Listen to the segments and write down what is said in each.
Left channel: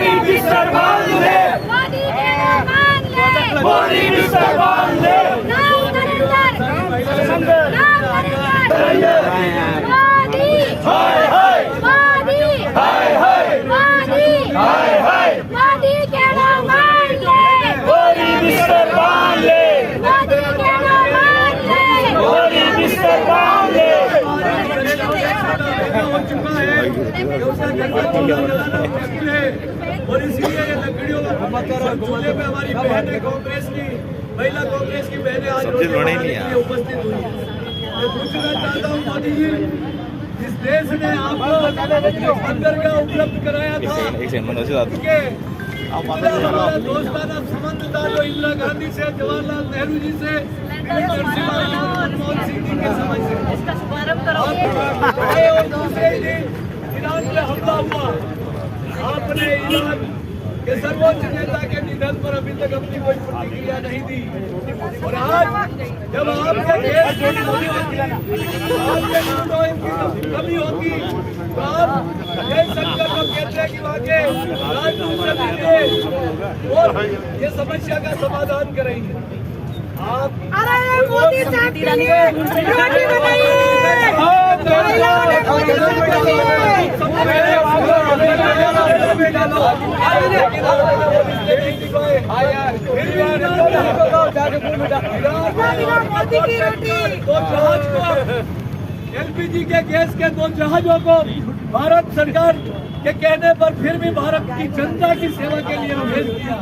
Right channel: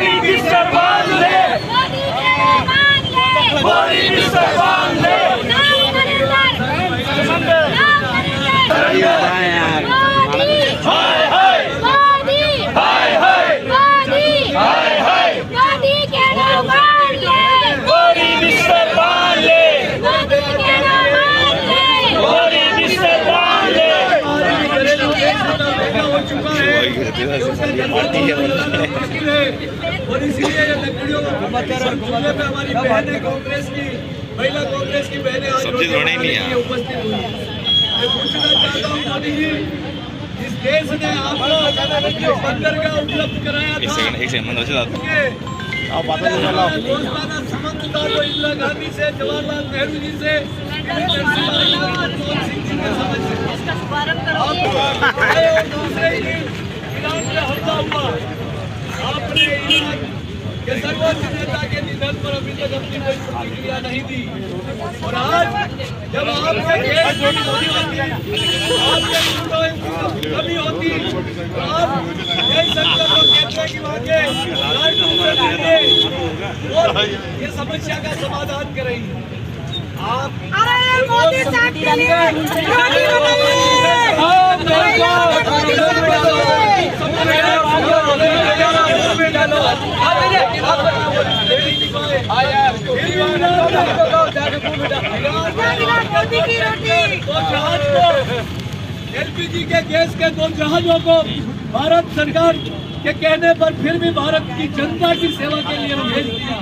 मोदी बिस्तर बांध ले, मोदी कहना मान ले, मोदी बिस्तर बांध ले, नाम नरेंद्र, नाम नरेंद्र, मोदी, हाय हाय, मोदी, हाय हाय, मोदी, हाय हाय, मोदी कहना मान ले, मोदी बिस्तर बांध ले, मोदी कहना मान ले, मोदी बिस्तर बांध ले। हो चुका है और इसीलिए ये वीडियो चूल्हे पे हमारी बहनें कांग्रेस की महिला कांग्रेस की बहनें आज उपस्थित हुई। मैं पूछना चाहता हूँ मोदी जी, इस देश ने आपको बंदरगाह उपलब्ध कराया था, हमारा दोस्ताना संबंध था वो इंदिरा गांधी से, जवाहरलाल नेहरू जी से, मनमोहन सिंह जी के समय से। और दूसरे ही दिन ईरान पे हमला हुआ, आपने ईरान के सर्वोच्च नेता के निधन पर अभी तक अपनी कोई प्रतिक्रिया नहीं दी। और आज जब आपके देश में कमी होती, आपके मुद्दों की कमी होती, तो आप देश सरकार को कहते हैं कि वहाँ के राजदूत से मिलिए और ये समस्या का समाधान करेंगे। आप अरे मोदी साहब के लिए रोटी बनाइए, मोदी साहब के लिए एलपीजी के गैस के 2 जहाजों को भारत सरकार के कहने पर फिर भी भारत की जनता की सेवा के लिए भेज दिया।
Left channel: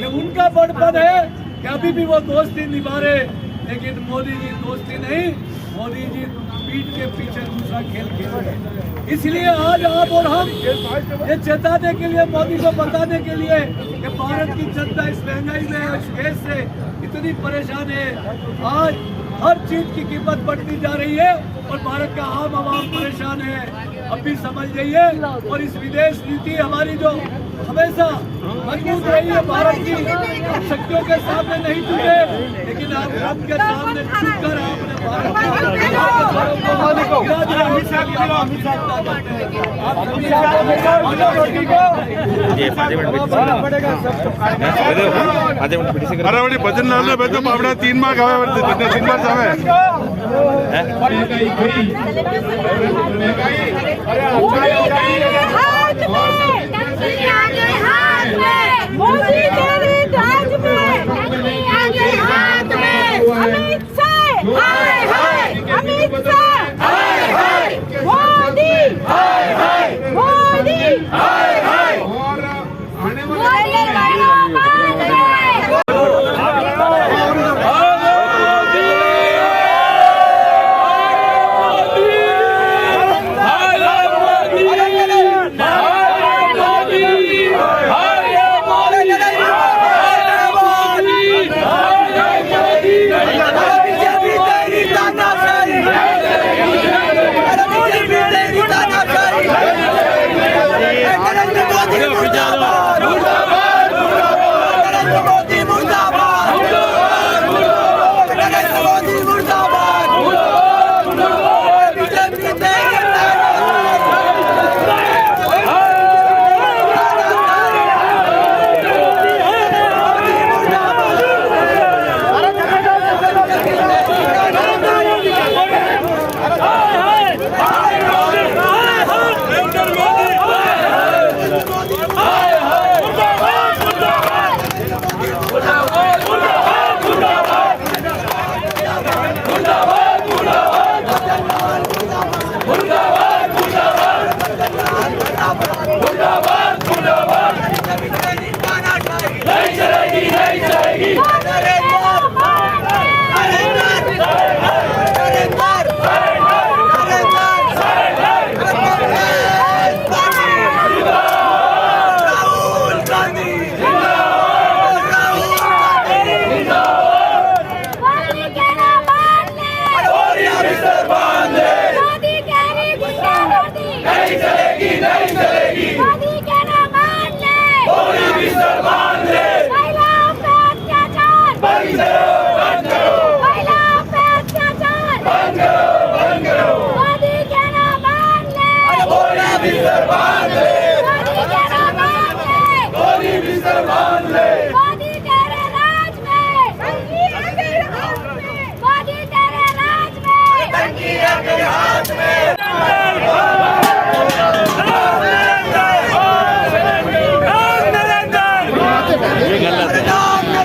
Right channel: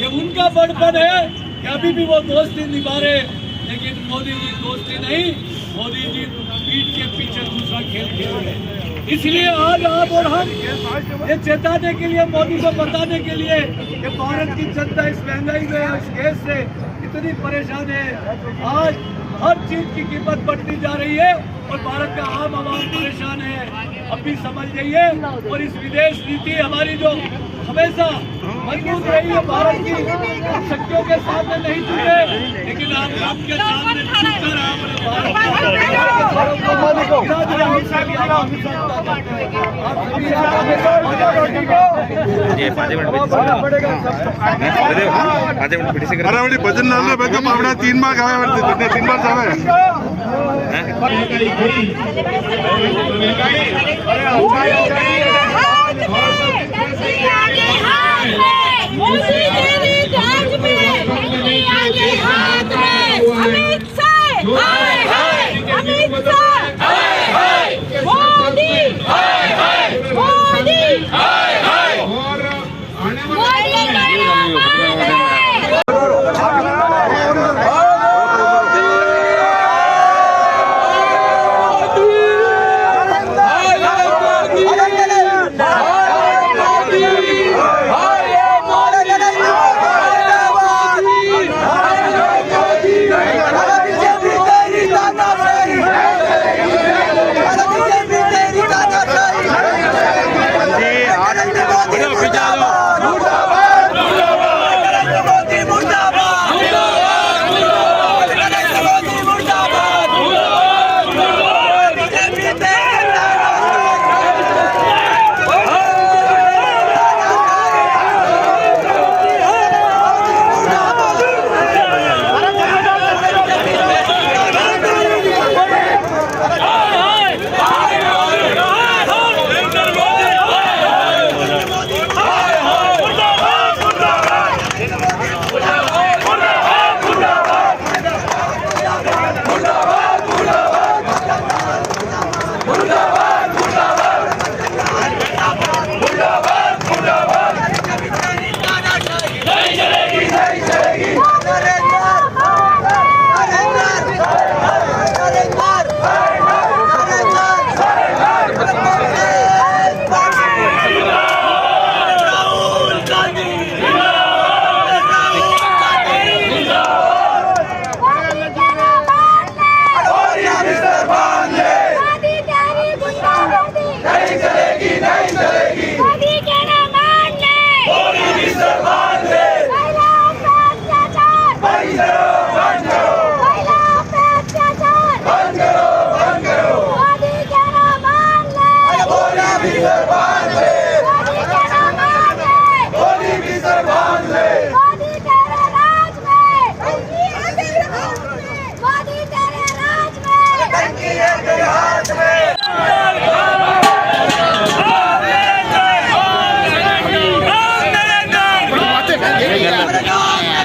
ये उनका बड़पन है कि अभी भी वो दोस्ती निभा रहे, लेकिन मोदी जी दोस्ती नहीं, मोदी जी पीठ के पीछे दूसरा खेल खेल रहे। इसलिए आज आप और हम ये चेताने के लिए, मोदी को बताने के लिए कि भारत की जनता इस महंगाई में, इस गैस से इतनी परेशान है। आज हर चीज की कीमत बढ़ती जा रही है और भारत का आम आवाम परेशान है। अब भी समझ जाइए। और इस विदेश नीति हमारी जो हमेशा मजबूत रही है, भारत की शक्तियों के सामने नहीं झुके, लेकिन आप आपके सामने झुककर आपने भजन आपल्या 3 मार्क 3 मार्क मोदी तेरे राज में, आगे हाथ में, अमित शाह, हाय हाय, अमित शाह, हाय हाय, मोदी, हाय हाय, मोदी, हाय हाय, मोदी कहना मान ले।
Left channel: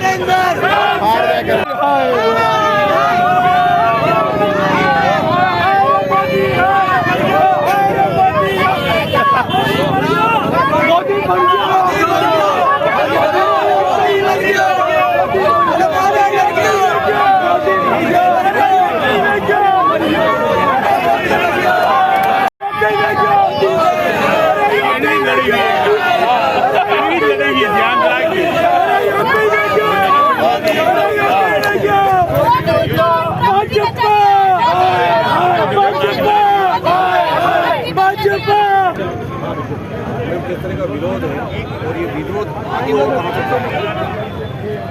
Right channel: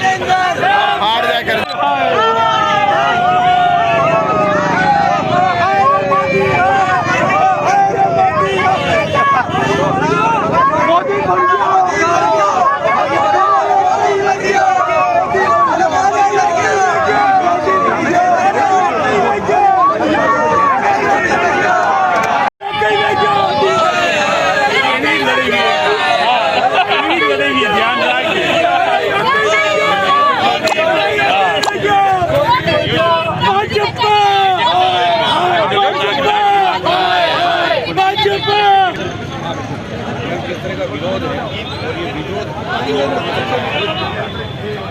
हार जाकर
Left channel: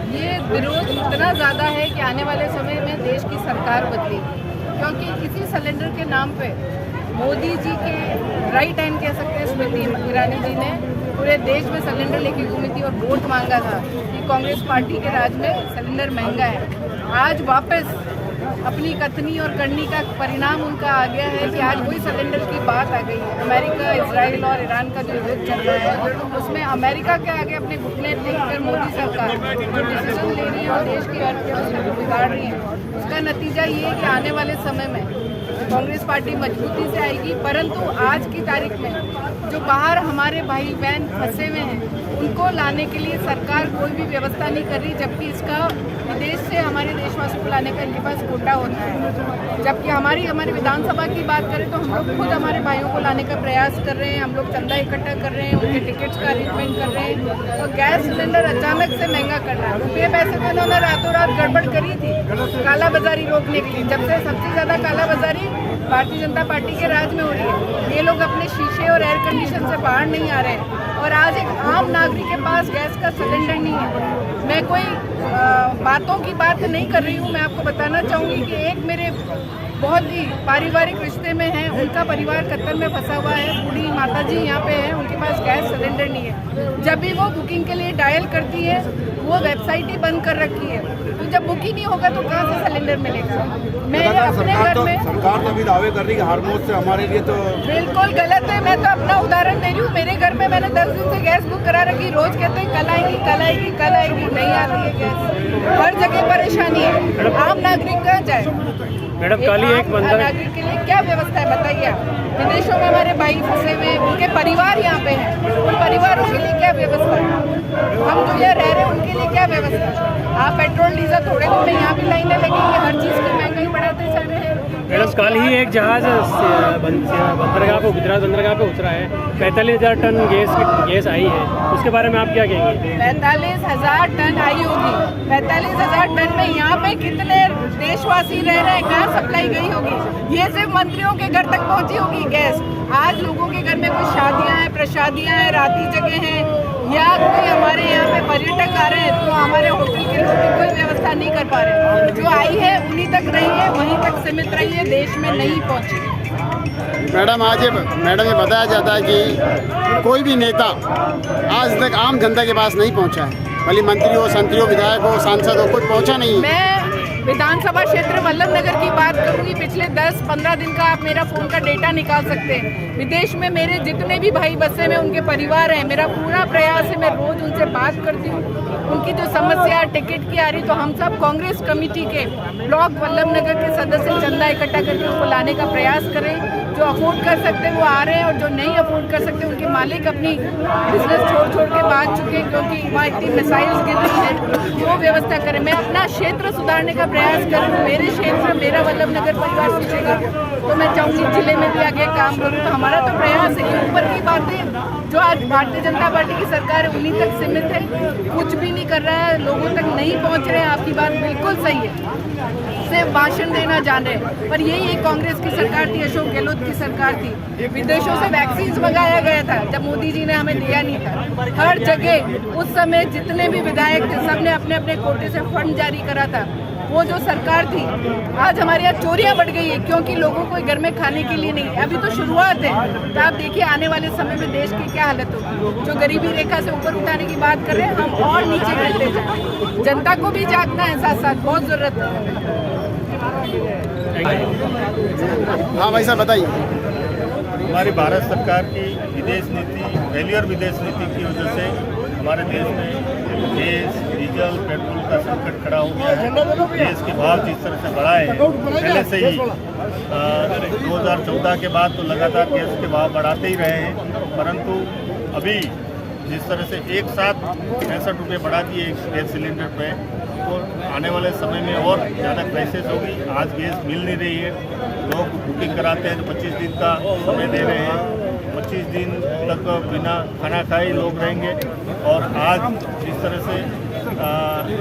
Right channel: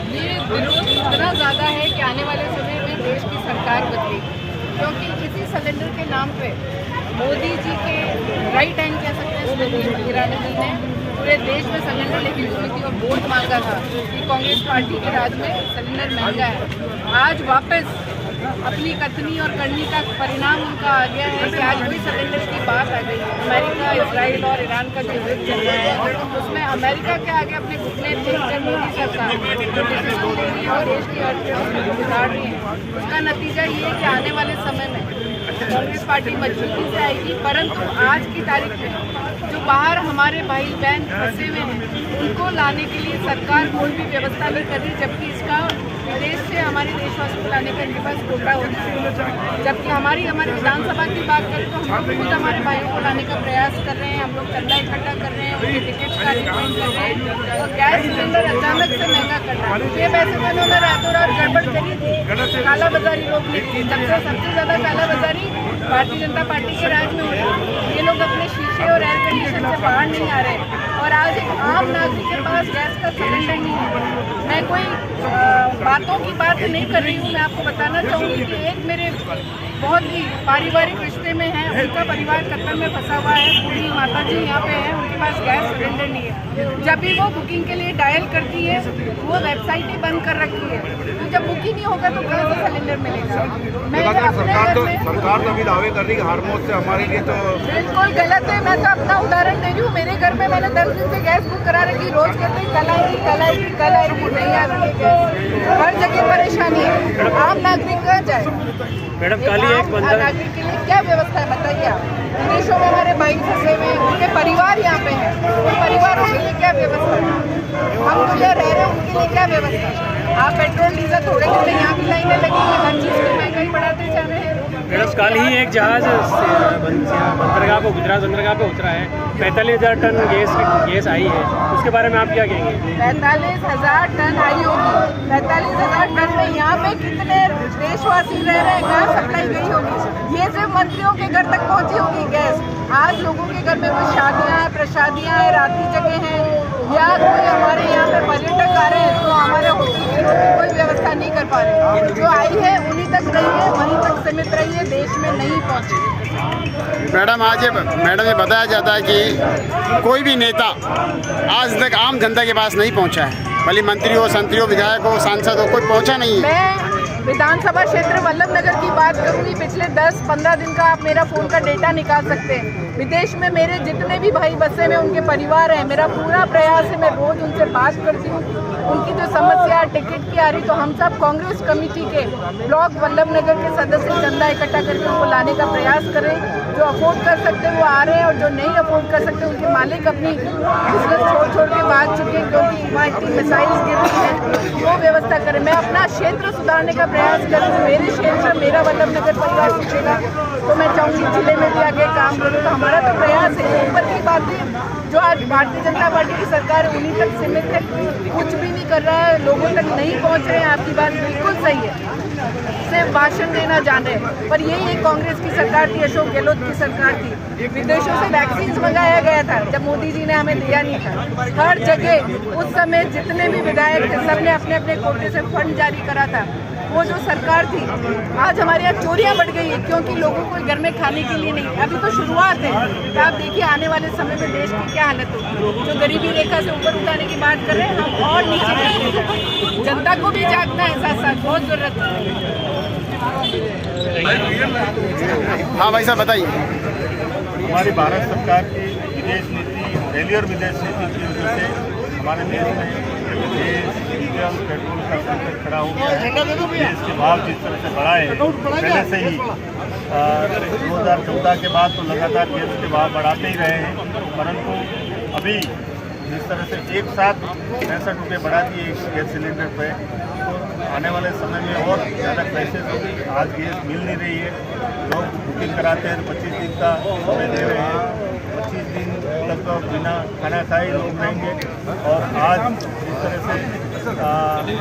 ये विरोध इतना ज़्यादा है कि आने वाले समय में देश की सरकार बदलेगी, क्योंकि इसी सिलेंडर के नाम पे मोदी जी के राइट हैंड कह सकते हैं स्मृति ईरानी जी ने पूरे देश में सिलेंडर लेके घूमी थी और वोट मांगा था कि कांग्रेस पार्टी के राज में सिलेंडर महंगा है। आज वापस अपनी कथनी और करनी का परिणाम उनका आ गया है कि आज वही सिलेंडर की बात आ गई है। अमेरिका, इजराइल और ईरान का जो युद्ध चल रहा है उसमें अमेरिका के आगे अपने घुटने टेककर मोदी सरकार देश की अर्थव्यवस्था बिगाड़ रही है। उसका नतीजा ये है कि आने वाले समय में कांग्रेस पार्टी मजबूती से आएगी, परंतु आज की तारीख में जो बाहर हमारे भाई बहन फंसे हुए हैं उनको लाने के लिए सरकार कोई भी व्यवस्था नहीं कर रही, जबकि इसका विदेश से हमारे देशवासियों को लाने का इनके पास कोटा होता है। जबकि हमारे विधानसभा की बात करें तो हम लोग खुद हमारे भाइयों को लाने का प्रयास कर रहे हैं, हम लोग चंदा इकट्ठा कर रहे हैं, उनके टिकट का अरेंजमेंट कर रहे हैं। तो गैस सिलेंडर अचानक से महंगा कर रहा है। ये वैसे तो उन्होंने रातों रात गड़बड़ करी थी कालाबाजारी रोकने के लिए, जब से सबसे ज़्यादा कालाबाजारी भारतीय जनता पार्टी के राज में हो रही है। ये लोग अपने शीशे और एयर कंडीशन से बाहर नहीं आ रहे हैं और आज एक आम नागरिक के पास गैस का सिलेंडर नहीं है। मैं कोई बातों की बात नहीं कर रही हूँ, मैं आपको बताना चाहूँगी कि एक मेरे बहुत ही पारिवारिक रिश्ते में है, उनका परिवार कत्ल में फंसा हुआ है। पूरी माता जी यहाँ पे है, उनके पास गैस सिलेंडर नहीं है। जब भी वो बुकिंग के लिए डायल करती है वो वेबसाइट ही बंद कर रखी है, तो जब बुक ही नहीं होगा तो कैसे सिलेंडर मिलेगा। मैं अपने घर में सरकार तो भी दावे कर रही है हर मौत से हमारे लिए तो बिल्कुल गलत है। मैं तो अपना उदाहरण दे रही हूँ, मेरे घर में मैंने 10 दिन से गैस बुक करा रखी, रोज कहते हैं कल आएगी कल आएगी कल आएगी, नहीं आ रही है गैस। हर जगह परेशानी है, आम नागरिक कहाँ जाए। मैडम कल ही एक बंदा नागरिक के लिए क्या व्यवस्था है बताइए आप। विदेशों में हमारे भाई फंसे हुए हैं, उनके परिवार यहाँ पे हैं, उन परिवारों के लिए क्या व्यवस्था है। हम जो यहाँ रह रहे हैं उनके लिए क्या व्यवस्था है। आप पेट्रोल डीजल थोड़े दिन में यहाँ भी लाएंगे, लेकिन ये हर चीज़ की महंगाई बढ़ाते जा रहे हैं। मैडम कल ही एक जहाज बंदरगाह पे गुजरात बंदरगाह पे उतरा है, 45,000 टन गैस आई है, उसके बारे में आप क्या कहेंगे। 45,000 टन आई होगी, 45,000 टन में यहाँ पे कितने देशवासी रह रहे हैं, कहाँ सप्लाई गई होगी। ये सिर्फ मंत्रियों के घर तक पहुँची होगी गैस। आज लोगों के घर में कुछ शादियाँ हैं, प्रशादियाँ हैं, राती जगह हैं, या कोई हमारे यहाँ पे पर्यटक आ रहे हैं तो हमारे होटल के लोग कोई व्यवस्था नहीं कर पा रहे। जो आई है उन्हीं तक रही है, वहीं तक सीमित रही है, देश में नहीं पहुँची। मैडम ये बताया जाता है कि कोई भी नेता आज तक आम जनता के पास नहीं पहुंचा है, भले मंत्री हो, संतरी हो, विधायक हो, सांसद हो, कोई पहुंचा नहीं है। मैं विधानसभा क्षेत्र वल्लभ नगर की बात करूंगी, पिछले 10-15 दिन का आप मेरा फोन का डेटा निकाल सकते हैं। विदेश में मेरे जितने भी भाई बसे में उनके परिवार हैं, मेरा पूरा प्रयास है, मैं रोज उनसे बात करती हूँ। उनकी जो समस्या टिकट की आ रही, तो हम सब कांग्रेस कमेटी के ब्लॉक वल्लभ नगर के सदस्य चंदा इकट्ठा करके उनको लाने का प्रयास करें। जो अफोर्ड कर सकते हैं वो आ रहे हैं, और जो नहीं अफोर्ड कर सकते उनके मालिक अपनी बिजनेस छोड़ के भाग चुके हैं, क्योंकि वहाँ इतनी मिसाइल्स गिर रही है। वो व्यवस्था करें। मैं अपना क्षेत्र सुधारने का प्रयास करूँ, मेरे क्षेत्र मेरा वल्लभ नगर परिवार पूछेगा तो मैं चाहूँगी जिले में भी आगे काम करूँ। तो हमारा तो प्रयास है। ऊपर की बातें जो आज भारतीय जनता पार्टी की सरकार है उन्हीं तक सीमित है, कुछ भी नहीं कर रहा है, लोगों तक नहीं पहुंच रहे हैं। आपकी बात बिल्कुल सही है, सिर्फ भाषण देना जान रहे हैं। पर यही एक कांग्रेस की सरकार थी, अशोक गहलोत की सरकार थी। विदेशों से वैक्सीन मंगाया गया था जब मोदी जी ने हमें दिया नहीं था। हर जगह उस समय जितने भी विधायक थे सबने अपने अपने कोटे से फंड जारी करा था। वो जो सरकार थी, आज हमारे यहाँ चोरियां बढ़ गई है, क्योंकि लोगों को घर में खाने के लिए नहीं। अभी तो शुरुआत है, तो आप देखिए आने वाले समय में देश की क्या हालत होगी। जो गरीबी रेखा से ऊपर उठाने की बात कर रहे हैं, हम और नीचे करते जाएं। जनता को भी जागना है, साथ साथ बहुत जरूरत है। हाँ भाई साहब बताइए। हमारी भारत सरकार की विदेश नीति, दिल्ली और विदेश नीति की वजह से हमारे देश में गैस डीजल पेट्रोल का संकट खड़ा हो गया है। गैस के भाव जिस तरह से बढ़ा है, पहले से ही 2014 के बाद तो लगातार गैस के भाव बढ़ाते ही रहे हैं, परंतु अभी जिस तरह से एक साथ 65 रुपये बढ़ा दिए गैस सिलेंडर पे, तो आने वाले समय में और ज़्यादा क्राइसिस होगी। आज गैस मिल नहीं रही है, लोग बुकिंग कराते हैं तो 25 दिन का समय दे रहे हैं, 25 दिन तक बिना खाना खाए लोग रहेंगे। और आज जिस तरह से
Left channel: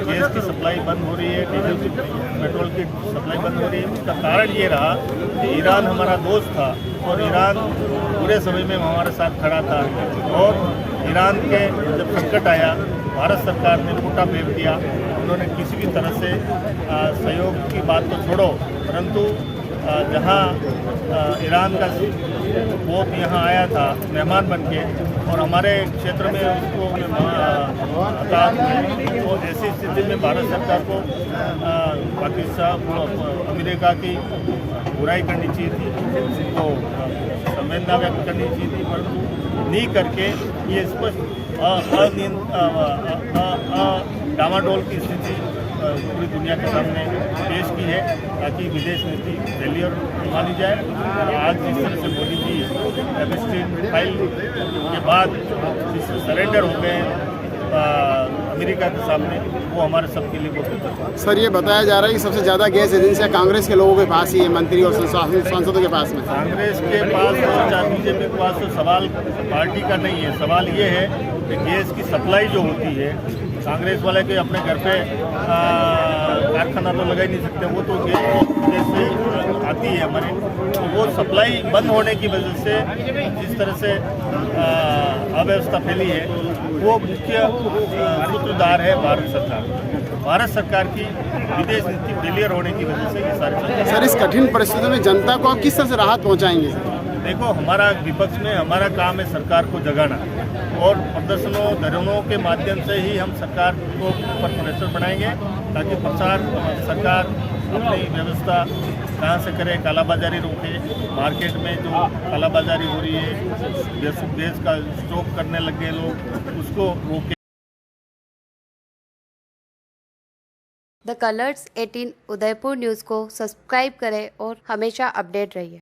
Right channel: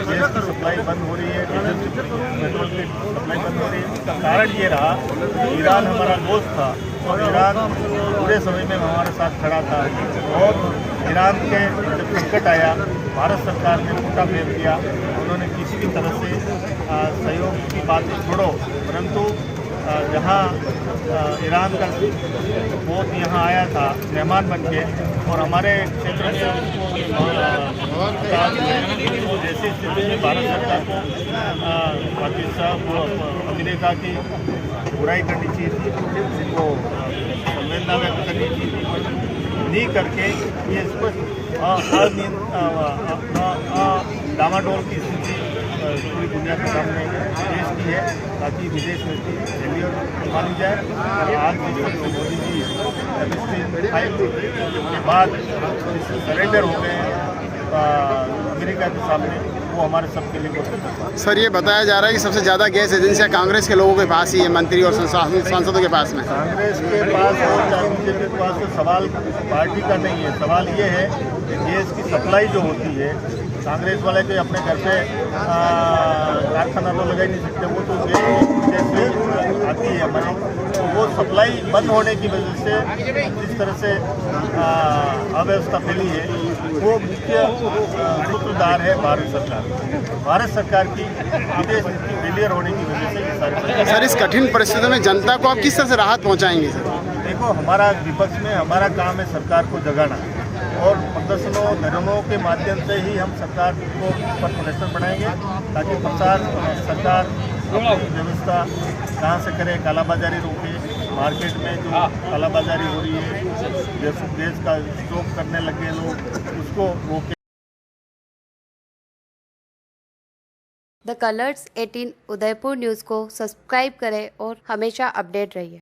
गैस की सप्लाई बंद हो रही है, डीजल की पेट्रोल की सप्लाई बंद हो रही है, इसका कारण ये रहा कि ईरान हमारा दोस्त था और ईरान पूरे समय में हमारे साथ खड़ा था। और ईरान के जब संकट आया, भारत सरकार ने फूटा फेर दिया। उन्होंने किसी भी तरह से सहयोग की बात तो छोड़ो, परंतु जहाँ ईरान का पोत यहाँ आया था मेहमान बन के और हमारे क्षेत्र में उसको तो जैसी स्थिति में भारत सरकार को पाकिस्तान को अमेरिका की बुराई करनी चाहिए थी, उनको संवेदना व्यक्त करनी चाहिए थी, नहीं करके ये स्पष्ट डामाडोल की स्थिति पूरी दुनिया के सामने पेश की है, ताकि विदेश नीति फेलियर मानी जाए। और आज जिस तरह से मोदी जी एमएसपी फाइल के बाद सरेंडर हो गए अमेरिका के सामने, वो हमारे सबके लिए बहुत। सर, ये बताया जा रहा है कि सबसे ज़्यादा गैस एजेंसियाँ कांग्रेस के लोगों के पास ही है, मंत्री और सांसदों के पास में। कांग्रेस के पास और चाहे बीजेपी के पास तो सवाल पार्टी का नहीं है, सवाल ये है कि गैस की सप्लाई जो होती है, कांग्रेस वाले के अपने घर पे कारखाना तो लगा ही नहीं सकते, वो तो गैस से आती है हमारी, तो वो सप्लाई बंद होने की वजह से जिस तरह से अव्यवस्था फैली है, वो मुख्य सूत्रधार है भारत सरकार। भारत सरकार की विदेश नीति फेलियर होने की वजह से ये सारी। सर, इस कठिन परिस्थितियों में जनता को आप किस तरह से राहत पहुंचाएंगे? सर, देखो, हमारा विपक्ष में हमारा काम है सरकार को जगाना, और प्रदर्शनों धरनों के माध्यम से ही हम सरकार को पर प्रेशर बनाएंगे, ताकि सरकार अपनी व्यवस्था कहाँ से करे, कालाबाजारी रोके, मार्केट में जो कालाबाजारी हो रही है, गैस का स्टॉक करने लगे लोग, उसको रोके। द कलर्स 18 उदयपुर न्यूज़ को सब्सक्राइब करें और हमेशा अपडेट रहिए।